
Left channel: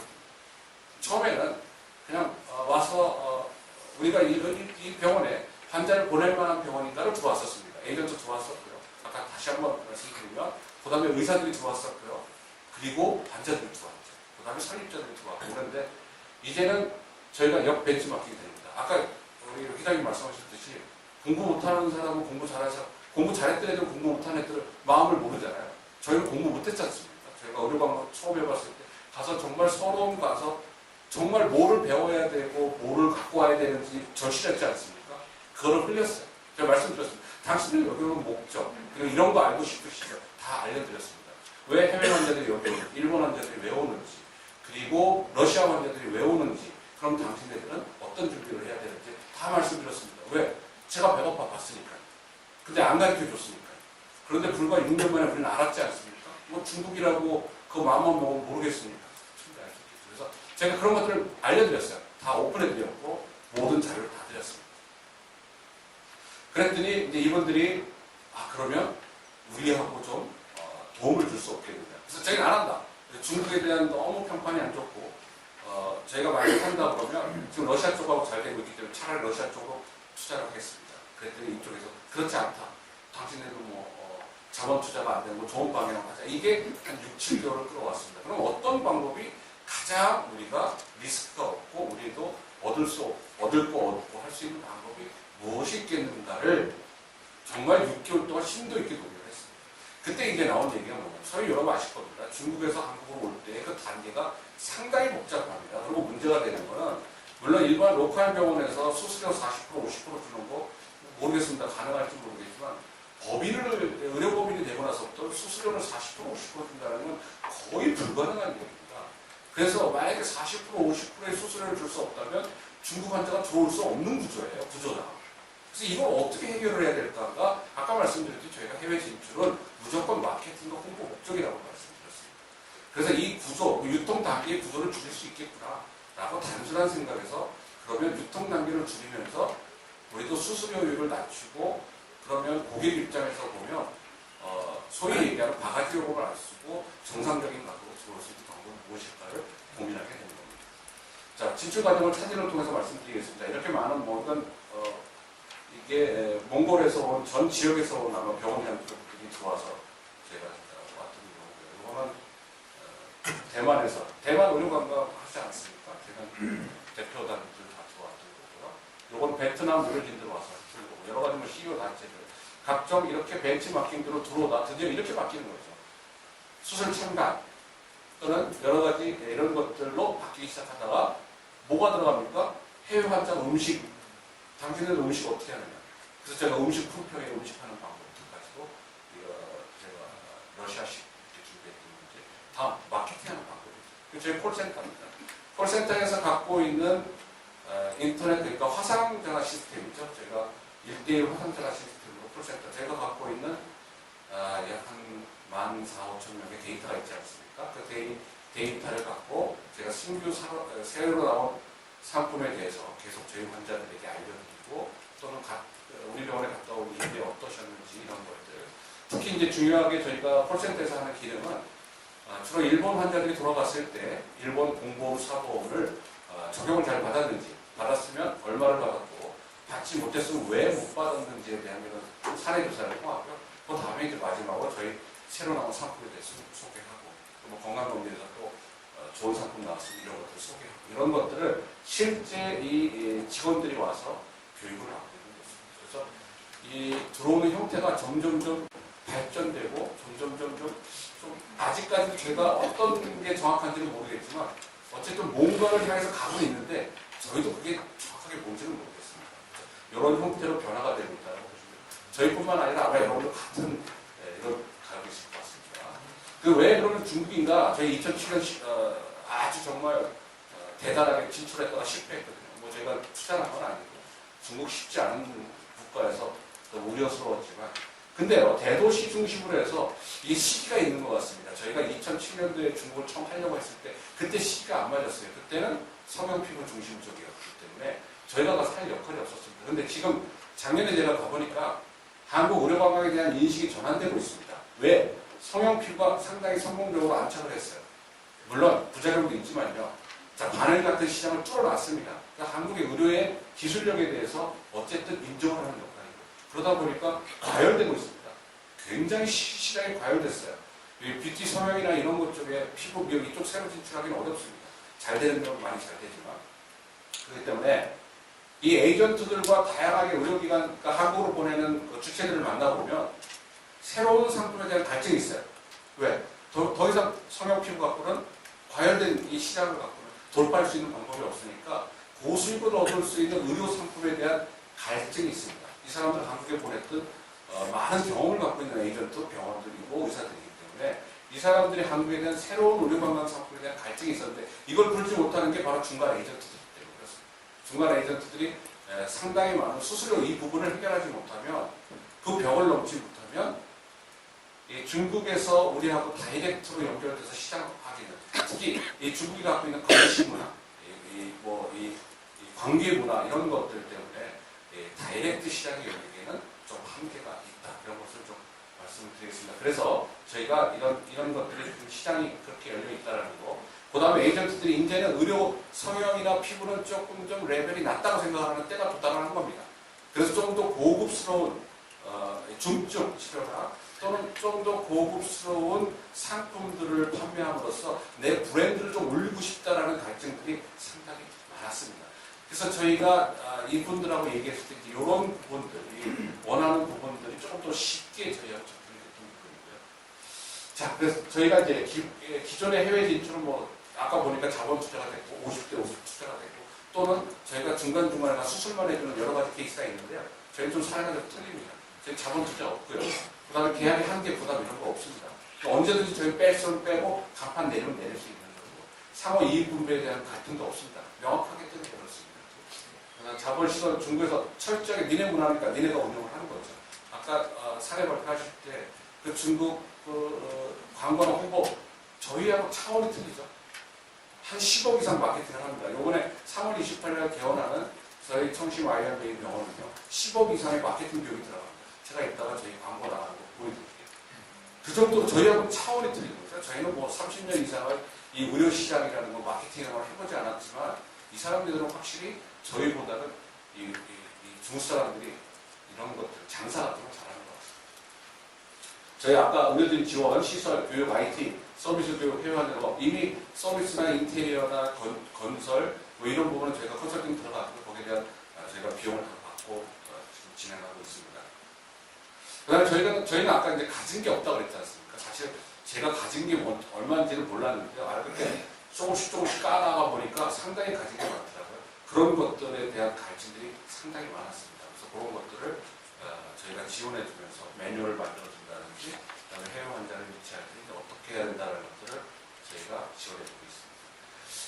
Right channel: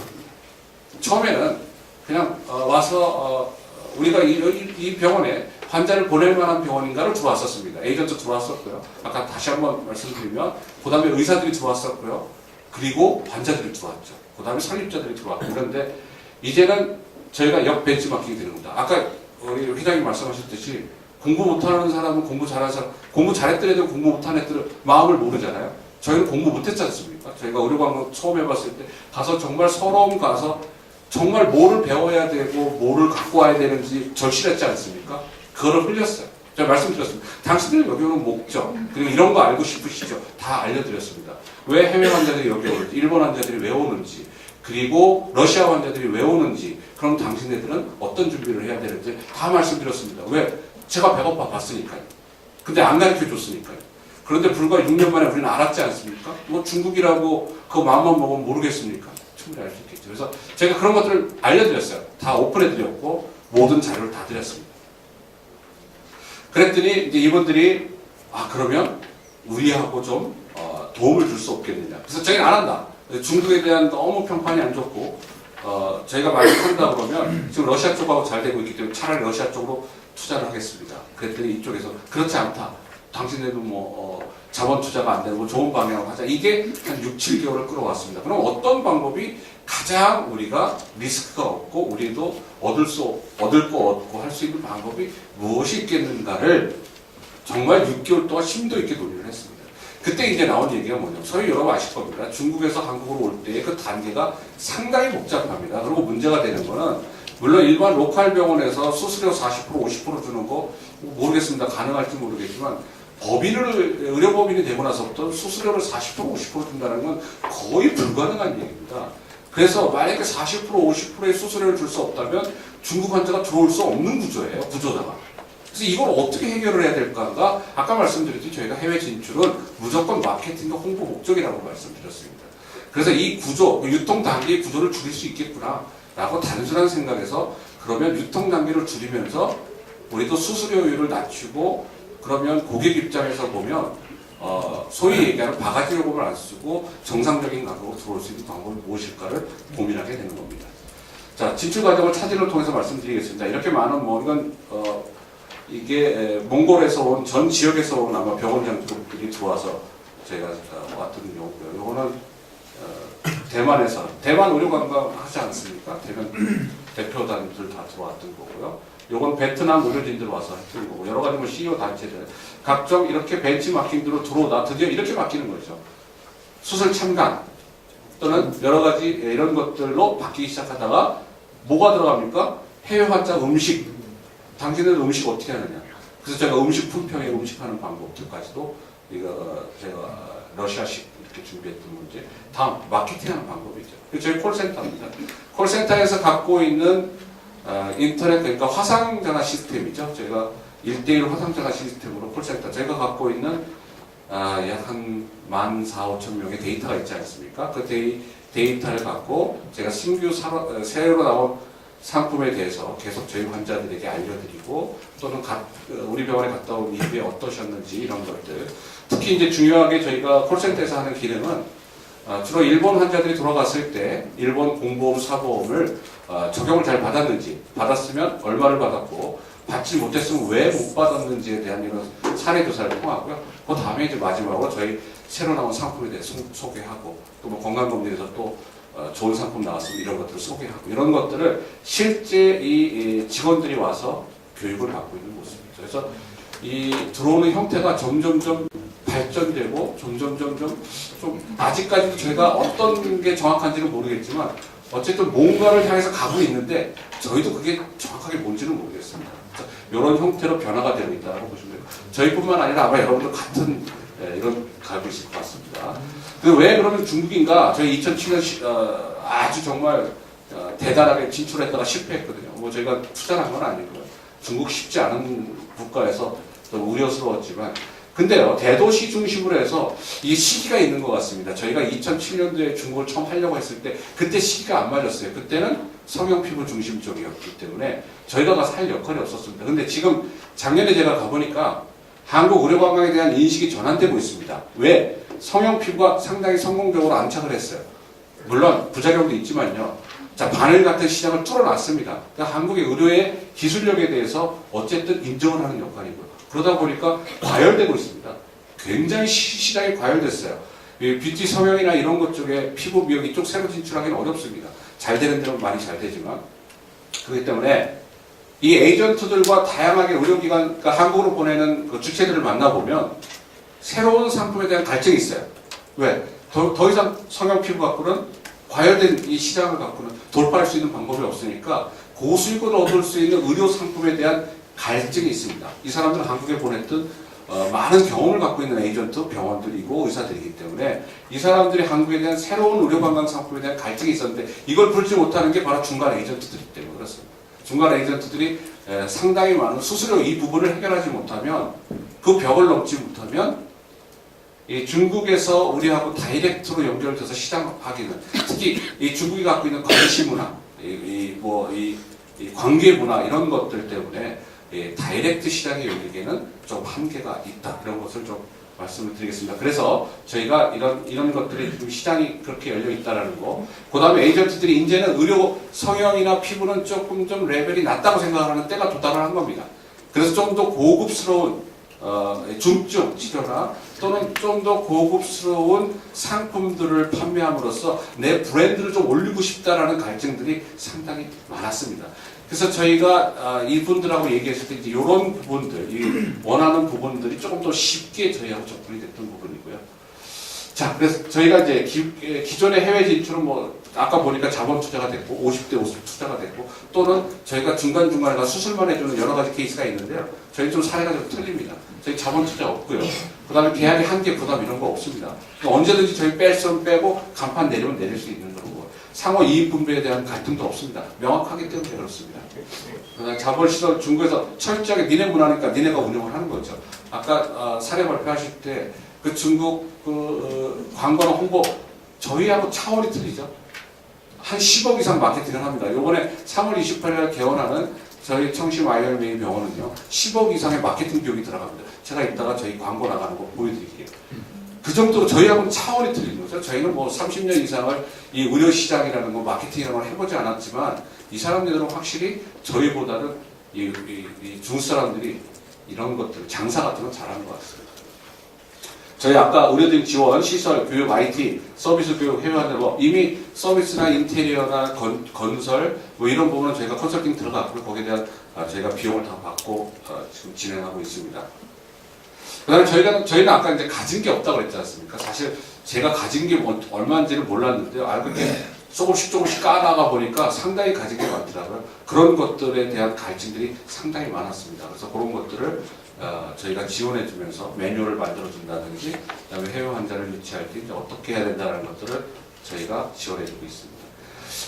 처음에는 그냥 와서 우리가 이 병원에 환자를 보낼 만한 병원인가를 들어왔었습니다. 에이전트 들어왔었고요. 아까 다시 한번 말씀드리면 그 다음에 의사들이 들어왔었고요. 그리고 환자들이 들어왔죠. 그 다음에 설립자들이 들어왔고 그런데 이제는 저희가 역 벤치마킹이 되는 겁니다. 아까 우리 회장님 말씀하셨듯이 공부 못하는 사람은 공부 잘하는 사람, 공부 잘했던 애들 공부 못하는 애들은 마음을 모르잖아요. 저희는 공부 못했지 않습니까? 저희가 의료광고 처음 해봤을 때 가서 정말 서러움 가서 정말 뭐를 배워야 되고 뭐를 갖고 와야 되는지 절실했지 않습니까? 그거를 흘렸어요. 제가 말씀드렸습니다. 당신들 여기 오는 목적, 그리고 이런 거 알고 싶으시죠? 다 알려드렸습니다. 왜 해외 환자들이 여기 오는지, 일본 환자들이 왜 오는지, 그리고 러시아 환자들이 왜 오는지, 그럼 당신네들은 어떤 준비를 해야 되는지 다 말씀드렸습니다. 왜? 제가 배고파 봤으니까요. 근데 안 가르쳐 줬으니까요. 그런데 불과 6년 만에 우리는 알았지 않습니까? 뭐 중국이라고 그 마음만 먹으면 모르겠습니까? 충분히 알 수 있겠죠. 그래서 제가 그런 것들을 알려드렸어요. 다 오픈해드렸고 모든 자료를 다 드렸습니다. 그랬더니 이제 이분들이 그러면 우리하고 좀 도움을 줄 수 없겠느냐. 그래서 저희는 안 한다. 중국에 대한 너무 평판이 안 좋고 저희가 많이 한다 그러면 지금 러시아 쪽하고 잘 되고 있기 때문에 차라리 러시아 쪽으로 투자를 하겠습니다. 그랬더니 이쪽에서 그렇지 않다. 당신들도 자본 투자가 안 되고 뭐 좋은 방향으로 하자. 이게 한 6, 7개월을 끌어왔습니다. 그럼 어떤 방법이 가장 우리가 리스크가 없고 우리도 얻을 거 얻고 할 수 있는 방법이 무엇이 있겠는가를 정말 6개월 동안 심도 있게 논의를 했습니다. 그때 이제 나온 얘기가 뭐냐면 소위 여러분 아실 겁니다. 중국에서 한국으로 올 때 그 단계가 상당히 복잡합니다. 그리고 문제가 되는 거는 물론 일반 로컬 병원에서 수수료 40% 50% 주는 거 모르겠습니다. 가능할지 모르겠지만 의료법인이 되고 나서부터 수수료를 40% 50% 준다는 건 거의 불가능한 얘기입니다. 그래서 만약에 40% 50%의 수수료를 줄 수 없다면 중국 환자가 들어올 수 없는 구조예요. 구조다가. 그래서 이걸 어떻게 해결을 해야 될까가 아까 말씀드렸듯이 저희가 해외 진출은 무조건 마케팅과 홍보 목적이라고 말씀드렸습니다. 그래서 이 구조, 유통 단계의 구조를 줄일 수 있겠구나 라고 단순한 생각에서 그러면 유통 단계를 줄이면서 우리도 수수료율을 낮추고 그러면 고객 입장에서 보면 소위 얘기하는 바가지 요금을 안 쓰고 정상적인 가격으로 들어올 수 있는 방법이 무엇일까를 고민하게 되는 겁니다. 자, 진출 과정을 사진을 통해서 말씀드리겠습니다. 이렇게 많은 이건 이게 몽골에서 온 전 지역에서 온 아마 병원장들이 들어와서 저희가 왔던 경우고요. 이거는 대만에서 대만 의료관광 하지 않습니까? 대만 대표단들 다 들어왔던 거고요. 요건 베트남 의료진들 와서 했던 거고 여러 가지 CEO 단체들 각종 이렇게 벤치마킹으로 들어오다 드디어 이렇게 바뀌는 거죠. 수술 참관 또는 여러 가지 이런 것들로 바뀌기 시작하다가 뭐가 들어갑니까? 해외 환자 음식. 당신들 음식 어떻게 하느냐. 그래서 제가 음식 품평에 음식하는 방법들까지도 이거 제가 러시아식 이렇게 준비했던 문제. 다음 마케팅하는 방법이죠. 저희 콜센터입니다. 콜센터에서 갖고 있는 인터넷 그러니까 화상전화 시스템이죠. 저희가 1:1 화상전화 시스템으로 콜센터 저희가 갖고 있는 약 한 14,500명의 데이터가 있지 않습니까? 그 데이터를 갖고 제가 신규 새로 나온 상품에 대해서 계속 저희 환자들에게 알려드리고 또는 우리 병원에 갔다 온 이후에 어떠셨는지 이런 것들 특히 이제 중요하게 저희가 콜센터에서 하는 기능은 주로 일본 환자들이 돌아갔을 때 일본 공보험 사보험을 적용을 잘 받았는지 받았으면 얼마를 받았고 받지 못했으면 왜 못 받았는지에 대한 이런 사례 조사를 통하고요. 그 다음에 이제 마지막으로 저희 새로 나온 상품에 대해서 소개하고 또 뭐 건강검진에서 또 좋은 상품 나왔으면 이런 것들을 소개하고 이런 것들을 실제 이 직원들이 와서 교육을 받고 있는 모습이죠. 그래서 이 들어오는 형태가 점점점 발전되고 점점점 좀 아직까지도 저희가 어떤 게 정확한지는 모르겠지만 어쨌든 뭔가를 향해서 가고 있는데 저희도 그게 정확하게 뭔지는 모르겠습니다. 이런 형태로 변화가 되고 있다고 보시면 돼요. 저희뿐만 아니라 아마 여러분들 같은 이런 가고 있을 것 같습니다. 왜 그러면 중국인가? 저희 2007년 아주 정말 대단하게 진출했다가 실패했거든요. 뭐 저희가 투자를 한 건 아니고요. 중국 쉽지 않은 국가에서 좀 우려스러웠지만 근데요, 대도시 중심으로 해서 이 시기가 있는 것 같습니다. 저희가 2007년도에 중국을 처음 하려고 했을 때 그때 시기가 안 맞았어요. 그때는 성형 피부 중심 쪽이었기 때문에 저희가 가서 할 역할이 없었습니다. 근데 지금 작년에 제가 가보니까 한국 의료관광에 대한 인식이 전환되고 있습니다. 왜? 성형 피부가 상당히 성공적으로 안착을 했어요. 물론 부작용도 있지만요. 자, 바늘 같은 시장을 뚫어놨습니다. 그러니까 한국의 의료의 기술력에 대해서 어쨌든 인정을 하는 역할이고요. 그러다 보니까 과열되고 있습니다. 굉장히 시장이 과열됐어요. 뷰티 성형이나 이런 것 쪽에 피부 미용 이쪽 새로 진출하기는 어렵습니다. 잘 되는 데는 많이 잘 되지만. 그렇기 때문에 이 에이전트들과 다양하게 의료기관, 그러니까 한국으로 보내는 그 주체들을 만나보면 새로운 상품에 대한 갈증이 있어요. 왜? 더 이상 성형 피부 갖고는 과열된 이 시장을 갖고는 돌파할 수 있는 방법이 없으니까 고수익을 얻을 수 있는 의료 상품에 대한 갈증이 있습니다. 이 사람들은 한국에 보냈던 많은 경험을 갖고 있는 에이전트, 병원들이고 의사들이기 때문에 이 사람들이 한국에 대한 새로운 의료관광 상품에 대한 갈증이 있었는데 이걸 풀지 못하는 게 바로 중간 에이전트들이기 때문에 그렇습니다. 중간 에이전트들이 상당히 많은 수수료 이 부분을 해결하지 못하면 그 벽을 넘지 못하면 이 중국에서 우리하고 다이렉트로 연결돼서 시장하기는 특히 이 중국이 갖고 있는 관시 문화, 이 관계 문화 이런 것들 때문에 다이렉트 시장에 열리기에는 좀 한계가 있다 이런 것을 좀 말씀을 드리겠습니다. 그래서 저희가 이런 것들이 좀 시장이 그렇게 열려 있다라는 거. 그다음에 에이전트들이 이제는 의료 성형이나 피부는 조금 좀 레벨이 낮다고 생각하는 때가 도달을 한 겁니다. 그래서 좀 더 고급스러운 중증 치료나 또는 좀 더 고급스러운 상품들을 판매함으로써 내 브랜드를 좀 올리고 싶다라는 갈증들이 상당히 많았습니다. 그래서 저희가 이분들하고 얘기했을 때 이제 이런 부분들, 이 원하는 부분들이 조금 더 쉽게 저희하고 접근이 됐던 부분이고요. 자, 그래서 저희가 이제 기존의 해외 진출은 뭐 아까 보니까 자본 투자가 됐고 50대 50 투자가 됐고 또는 저희가 중간중간에 가서 수술만 해주는 여러 가지 케이스가 있는데요. 저희 좀 사례가 좀 틀립니다. 저희 자본 투자 없고요. 그 다음에 계약의 한계 부담 이런 거 없습니다. 그러니까 언제든지 저희 뺄 수는 빼고 간판 내리면 내릴 수 있는 거고 상호 이익 분배에 대한 갈등도 없습니다. 명확하기 때문에 그렇습니다. 자본 시설 중국에서 철저하게 니네 문화니까 니네가 운영을 하는 거죠. 아까 사례 발표하실 때 그 중국 광고나 홍보 저희하고 차원이 틀리죠. 한 10억 이상 마케팅을 합니다. 요번에 3월 28일 개원하는 저희 청심 아이얼메이 병원은요 10억 이상의 마케팅 비용이 들어갑니다. 제가 이따가 저희 광고 나가는 거 보여드릴게요. 그 정도로 저희하고는 차원이 틀린 거죠. 저희는 뭐 30년 이상을 이 의료 시장이라는 거 마케팅이라는 걸 해보지 않았지만 이 사람들은 확실히 저희보다는 이 중국 사람들이 이런 것들 장사 같은 건 잘하는 것 같습니다. 저희 아까 의료진 지원, 시설, 교육, IT, 서비스 교육, 해외 환자로 이미 서비스나 인테리어나 건설 뭐 이런 부분은 저희가 컨설팅 들어갔고 거기에 대한 저희가 비용을 다 받고 지금 진행하고 있습니다. 그다음에 저희는 아까 이제 가진 게 없다고 그랬지 않습니까? 사실 제가 가진 게 얼마인지를 몰랐는데요. 알고 보니 조금씩 까다가 보니까 상당히 가진 게 많더라고요. 그런 것들에 대한 갈증들이 상당히 많았습니다. 그래서 그런 것들을 저희가 지원해주면서 매뉴얼을 만들어준다든지 그다음에 해외 환자를 유치할 때 이제 어떻게 해야 된다는 것들을 저희가 지원해주고 있습니다.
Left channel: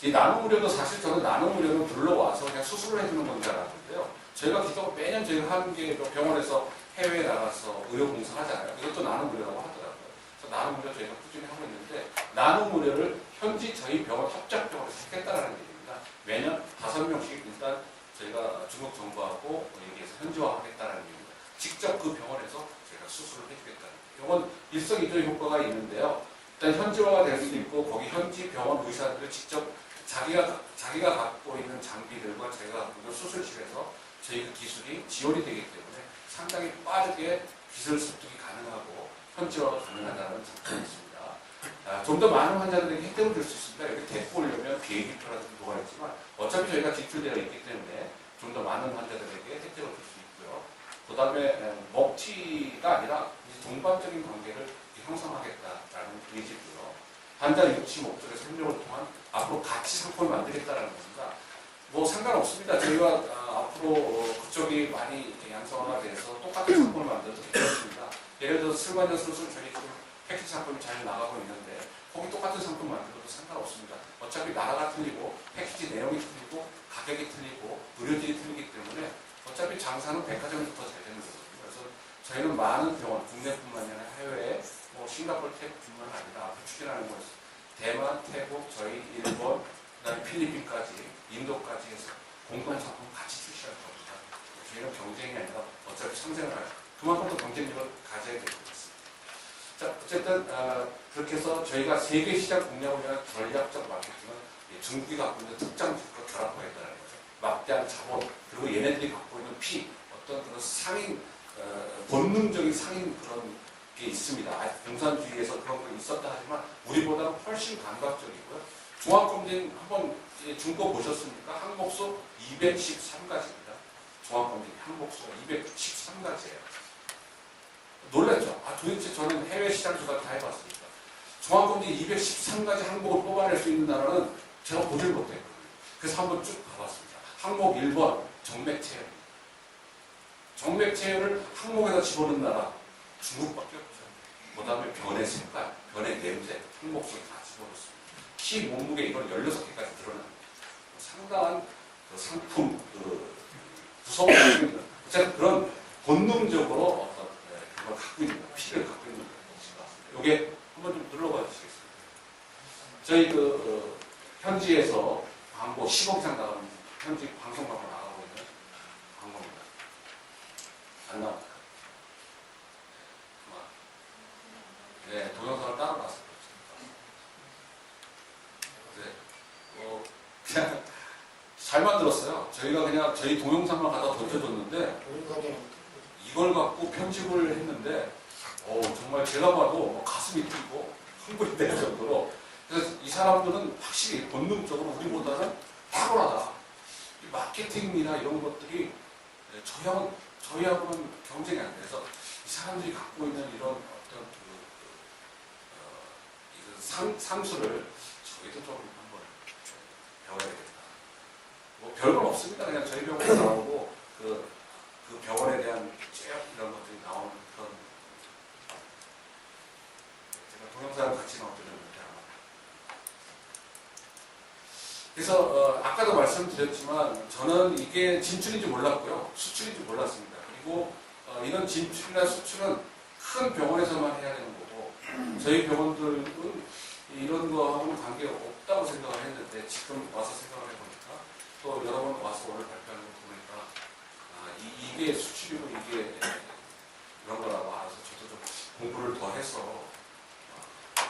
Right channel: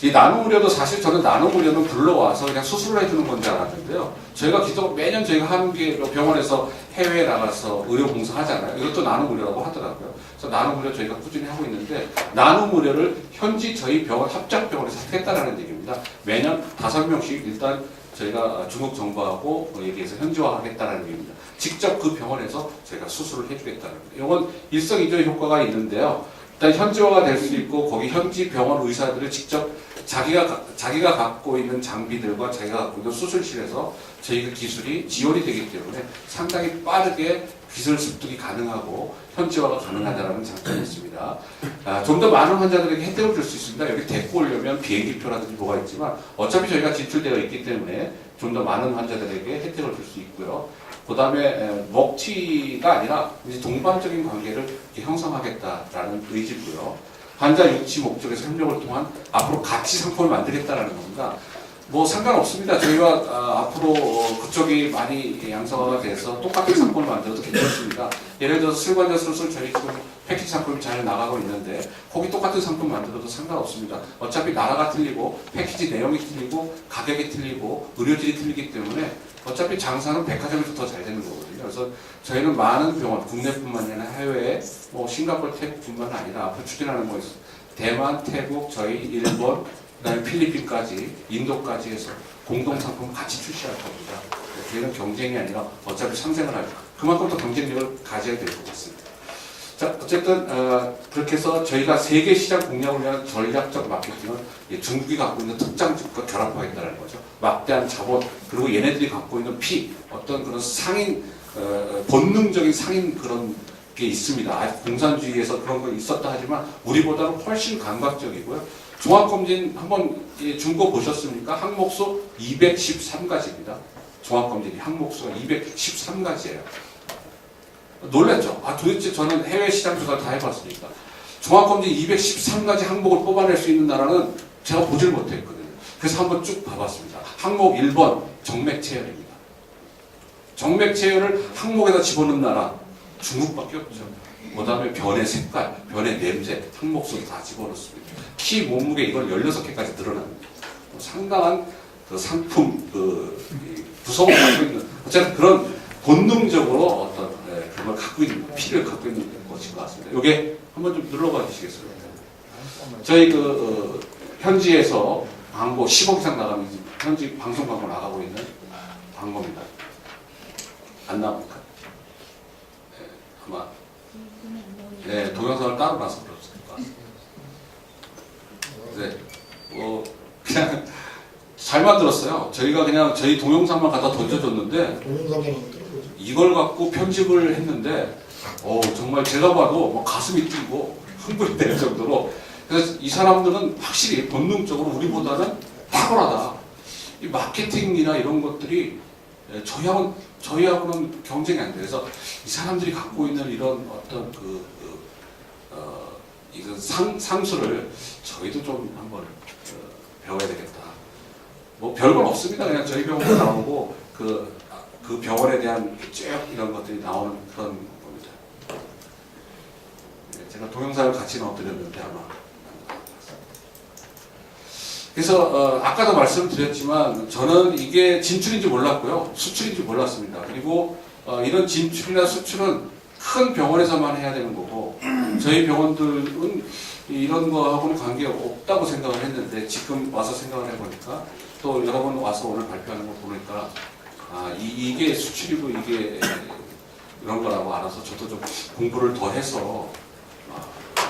이 나눔의료도 사실 저는 나눔의료는 불러와서 그냥 수술을 해주는 건지 알았는데요. 저희가 매년 저희가 하는 게 병원에서 해외에 나가서 의료 봉사 하잖아요. 이것도 나눔의료라고 하더라고요. 그래서 나눔의료 저희가 꾸준히 하고 있는데 나눔의료를 현지 저희 병원 합작병원에서 하겠다라는 얘기입니다. 매년 5명씩 일단 저희가 중국 정부하고 얘기해서 현지화하겠다는 얘기입니다. 직접 그 병원에서 저희가 수술을 해주겠다는 거예요. 이건 일석이조의 효과가 있는데요. 일단 현지화가 될 수 있고 거기 현지 병원 의사들을 직접 자기가 갖고 있는 장비들과 자기가 갖고 있는 수술실에서 저희 그 기술이 지원이 되기 때문에 상당히 빠르게 기술 습득이 가능하고 현지화가 가능하다는 장점이 있습니다. 좀 더 많은 환자들에게 혜택을 줄 수 있습니다. 여기 데리고 오려면 비행기표라든지 뭐가 있지만 어차피 저희가 진출되어 있기 때문에 좀 더 많은 환자들에게 혜택을 줄 수 있고요. 그 다음에 먹튀가 아니라 이제 동반적인 관계를 형성하겠다라는 의지고요. 환자 유치 목적에서 협력을 통한 앞으로 같이 상품을 만들겠다라는 겁니다. 뭐 상관없습니다. 저희가 앞으로 그쪽이 많이 양성화가 돼서 똑같은 상품을 만들어도 괜찮습니다. 예를 들어서 슬관자 수술 저희 지금 패키지 상품이 잘 나가고 있는데 거기 똑같은 상품 만들어도 상관없습니다. 어차피 나라가 틀리고 패키지 내용이 틀리고 가격이 틀리고 의료질이 틀리기 때문에 어차피 장사는 백화점에서 더 잘 되는 거거든요. 그래서 저희는 많은 병원, 국내뿐만 아니라 해외에 뭐 싱가포르, 태국뿐만 아니라 앞으로 추진하는 거 있어요. 대만, 태국, 저희 일본, 그다음에 필리핀까지, 인도까지 해서 공동 상품을 같이 출시할 겁니다. 저희는 경쟁이 아니라 어차피 상생을 할 그만큼 더 경쟁력을 가져야 될 것 같습니다. 자, 어쨌든 그렇게 해서 저희가 세계 시장 공략을 위한 전략적 마케팅은 중국이 갖고 있는 특장집과 결합하겠다는 거죠. 막대한 자본 그리고 얘네들이 갖고 있는 어떤 그런 상인 본능적인 상인 그런 게 있습니다. 아직 공산주의에서 그런 거 있었다 하지만 우리보다는 훨씬 감각적이고요. 종합검진 한번 중고 보셨습니까? 항목수 213가지입니다. 종합검진이 항목수가 213가지예요. 놀랐죠? 도대체 저는 해외 시장 조사를 다 해봤으니까 종합검진 213가지 항목을 뽑아낼 수 있는 나라는 제가 보질 못했거든요. 그래서 한번 쭉 봐봤습니다. 항목 1번 정맥체열입니다. 정맥체열을 항목에다 집어넣는 나라 중국밖에 없죠. 그 다음에 변의 색깔, 변의 냄새, 항목수도 다 집어넣습니다. 키, 몸무게 이걸 16개까지 늘어납니다. 상당한 그 상품 구성을 갖고 있는 어쨌든 그런 본능적으로 어떤 그걸 갖고 있는 피를 갖고 있는 것인 것 같습니다. 이게 한번 좀 눌러봐 주시겠습니까? 저희 현지에서 광고 10억 이상 나가는 현지 방송 광고 나가고 있는 광고입니다. 안 나옵니까? 아마 동영상을 따로 봐서 그렇습니다. 그냥 잘 만들었어요. 저희가 그냥 저희 동영상만 갖다 던져줬는데 이걸 갖고 편집을 했는데 정말 제가 봐도 뭐 가슴이 뛰고 흥분이 될 정도로 그래서 이 사람들은 확실히 본능적으로 우리보다는 탁월하다. 이 마케팅이나 이런 것들이 저희하고는 경쟁이 안 돼. 그래서 이 사람들이 갖고 있는 이런 어떤 이런 상수를 저희도 좀 한번 배워야 되겠다. 뭐 별건 없습니다. 그냥 저희 병원에 나오고 그 병원에 대한 쭉 이런 것들이 나오는 그런 겁니다. 제가 동영상을 같이 넣어드렸는데 아마. 그래서 아까도 말씀드렸지만 저는 이게 진출인지 몰랐고요. 수출인지 몰랐습니다. 그리고 이런 진출이나 수출은 큰 병원에서만 해야 되는 거고 저희 병원들은 이런 거하고는 관계가 없다고 생각을 했는데 지금 와서 생각을 해보니까 또 여러분 와서 오늘 발표하는 거 보니까 이게 수출이고 이게 이런 거라고 알아서 저도 좀 공부를 더 해서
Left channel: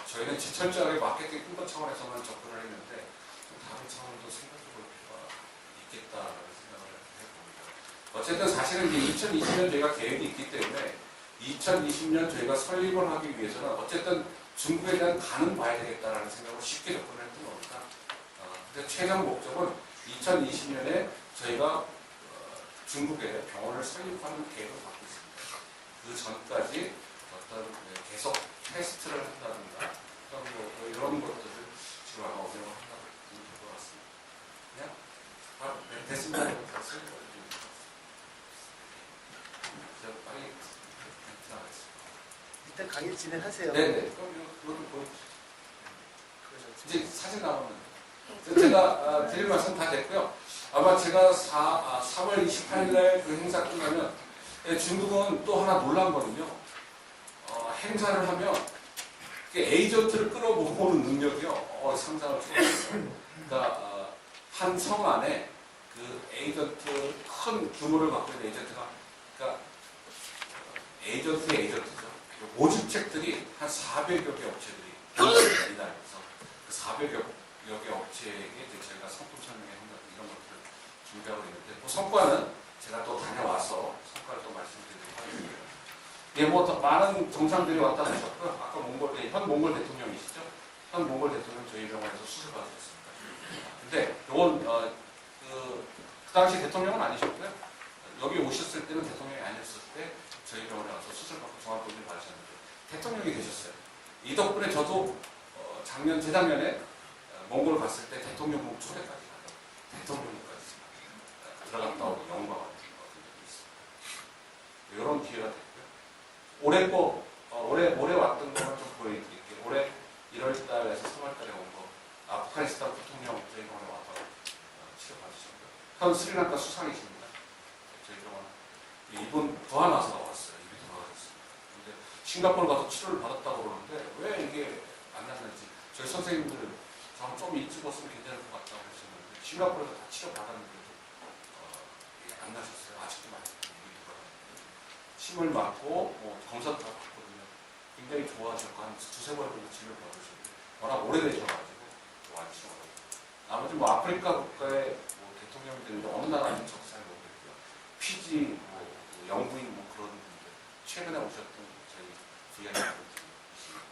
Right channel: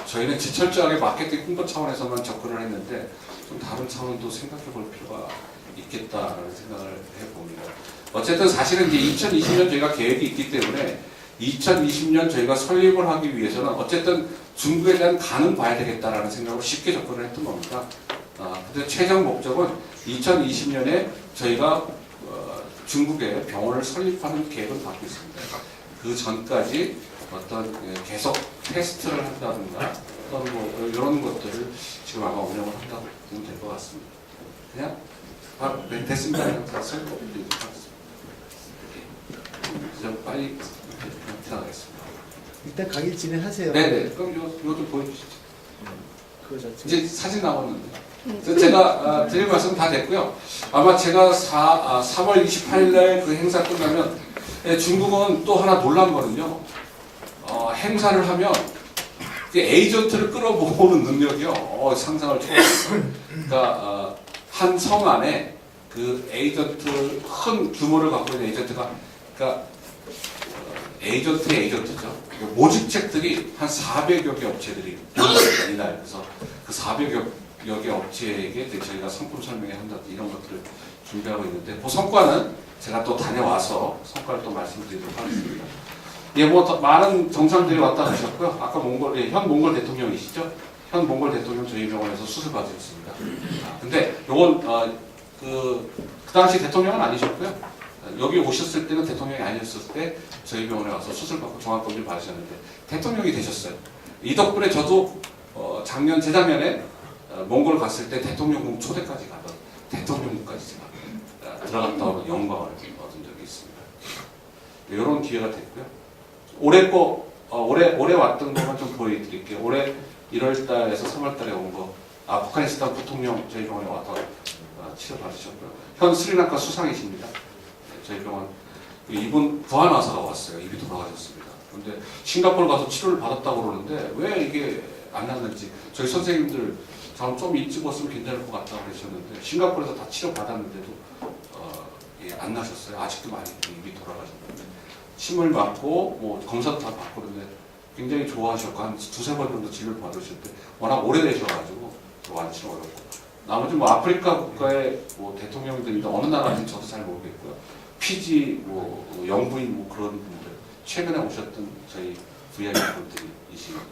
저희는 철저하게 마케팅 홍보 차원에서만 접근을 했는데 좀 다른 차원도 생각해 볼 필요가 있겠다라는 생각을 해봅니다. 어쨌든 사실은 이제 2020년 저희가 계획이 있기 때문에 2020년 저희가 설립을 하기 위해서는 어쨌든 중국에 대한 간은 봐야 되겠다라는 생각으로 쉽게 접근을 했던 겁니다. 근데 최종 목적은 2020년에 저희가 중국에 병원을 설립하는 계획을 갖고 있습니다. 그 전까지 어떤 계속 테스트를 한다든가 어떤 뭐 이런 것들을 지금 아마 운영을 한다고 보면 될 것 같습니다. 그냥 됐습니다. 그냥 다 설명드리도록 하겠습니다. 좀 빨리 지나가겠습니다. 이따 강의 진행하세요. 네네. 그럼 이것도 보여주시죠. 이제 사진 나왔는데. 제가 드릴 말씀 다 됐고요. 아마 제가 3월 28일 날 그 행사 끝나면 중국은 또 하나 놀란 거는요. 행사를 하면 에이전트를 끌어모으는 능력이요. 상상을 초월했어요. 그러니까 한 성 안에 그 에이전트 큰 규모를 갖고 있는 에이전트가 그러니까 에이전트죠. 모집책들이 한 400여 개 업체들이 있습니다. 이날. 그래서 그 400여 개 업체에게 저희가 상품 설명회 한다 이런 것들을 준비하고 있는데 그 성과는 제가 또 다녀와서 성과를 또 말씀드리도록 하겠습니다. 뭐 많은 정상들이 왔다 가셨고요. 아까 현 몽골 대통령이시죠? 현 몽골 대통령 저희 병원에서 수술 받으셨습니다. 근데 요건 그 당시 대통령은 아니셨고요. 여기 오셨을 때는 대통령이 아니었을 때 저희 병원에 와서 수술 받고 종합검진 받으셨는데 대통령이 되셨어요. 이 덕분에 저도 재작년에 몽골 갔을 때 대통령궁 초대까지 가던 대통령궁까지 들어갔다 오는 영광을 얻은 적이 있습니다. 이런 기회가 됐고요. 올해 왔던 것만 좀 보여드릴게요. 올해 1월달에서 3월달에 온 거 아프가니스탄 부통령 저희 병원에 와서 치료 받으셨고요. 현 스리랑카 수상이십니다. 저희 병원 이분 부하나사가 왔어요. 입이 돌아가셨습니다. 그런데 싱가포르 가서 치료를 받았다고 그러는데 왜 이게 안 났는지 저희 선생님들 좀 일찍 왔으면 괜찮을 것 같다고 그러셨는데 싱가포르에서 다 치료 받았는데도 안 나셨어요. 아직도 많이 입이 돌아가셨는데 침을 맞고 뭐 검사도 다 받고 그런데 굉장히 좋아하셨고 한 두세 번 정도 진료를 받으실 때 워낙 오래되셔가지고 완치 어렵고 나머지 뭐 아프리카 국가의 뭐 대통령들인데 어느 나라인지 저도 잘 모르겠고요. 피지 뭐 영부인 뭐 그런 분들 최근에 오셨던 저희 VIP 분들이십니다.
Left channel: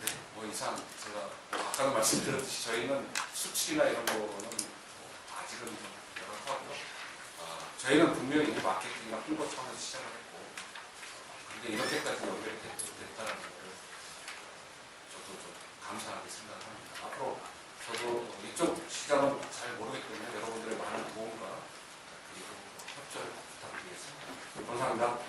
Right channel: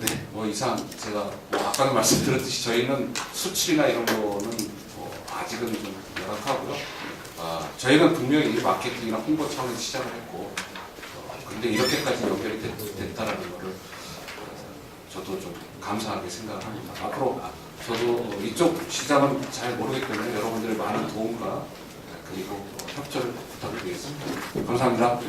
네, 뭐 이상 제가 뭐 아까도 말씀드렸듯이 저희는 수출이나 이런 거는 뭐 아직은 좀 열악하고요. 저희는 분명히 마케팅이나 홍보 차원에서 시작을 했고, 근데 이렇게까지 연결이 됐다라는 거를 저도 좀 감사하게 생각을 합니다. 앞으로 저도 이쪽 시장은 잘 모르기 때문에 여러분들의 많은 도움과 그리고 협조를 부탁드리겠습니다. 감사합니다.